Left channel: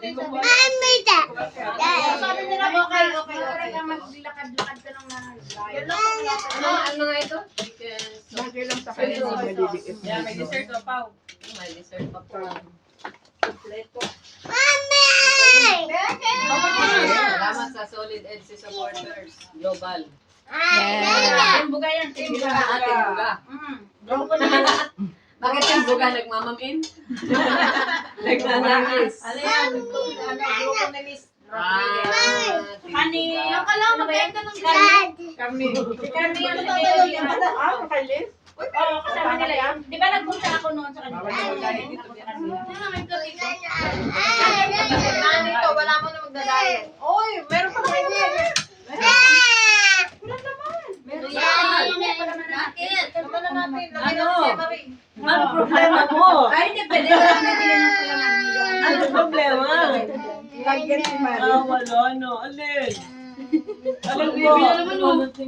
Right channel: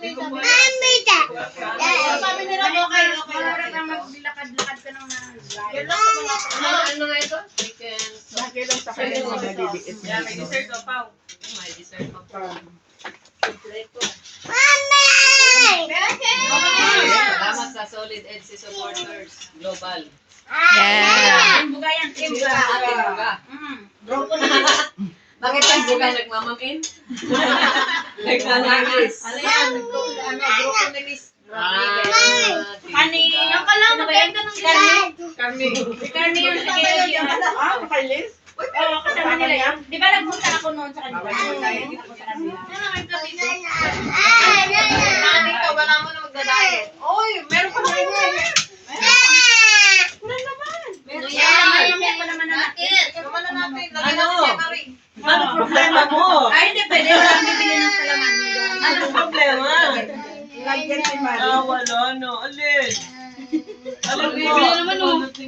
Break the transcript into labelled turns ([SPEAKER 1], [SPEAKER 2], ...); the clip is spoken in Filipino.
[SPEAKER 1] Sabi nila, okay, okay.
[SPEAKER 2] Wala kang maglakad-lakad ka ng nalayo.
[SPEAKER 3] Ano, nga ito? Chicken sauce.
[SPEAKER 2] Yeah, may dessert ka, Pao.
[SPEAKER 3] May dessert pa po. Salamat sa Solid EDC supporters. Global.
[SPEAKER 4] Yeah.
[SPEAKER 2] Timbuga yan, timbuga.
[SPEAKER 3] Ating buga.
[SPEAKER 2] Mm.
[SPEAKER 3] Bakit yung buga nagmamamin? Nagnanangis.
[SPEAKER 1] Ano yan? Ano, grupo ni Miss
[SPEAKER 3] Ah, timbuga.
[SPEAKER 2] yung kalang mag-end ka ng Carmi.
[SPEAKER 1] Kami.
[SPEAKER 2] Si Carmi yung
[SPEAKER 1] Ano
[SPEAKER 2] sa
[SPEAKER 1] yun? Ah, nakailis?
[SPEAKER 2] Oo, kasama nila yun. Di ba nagpunta ako noon sa kanila?
[SPEAKER 1] Bawal naman tayo dito.
[SPEAKER 2] Sa kanila.
[SPEAKER 1] Nandito, wala mo na magda-diet. Uy, meron pa rin yan.
[SPEAKER 2] Ano yan? Mamaya pa naman na natin.
[SPEAKER 1] Naman na natin. Lagyan
[SPEAKER 3] Ano?
[SPEAKER 1] natin siya na rin.
[SPEAKER 5] Ano problema mo?
[SPEAKER 2] Ay, hindi pwede. Wala kang bibili ng palaman.
[SPEAKER 5] Ano problema?
[SPEAKER 1] Lagyan si Mari.
[SPEAKER 5] Ah, wala no. Alin? Alin
[SPEAKER 3] Bibili
[SPEAKER 5] mo?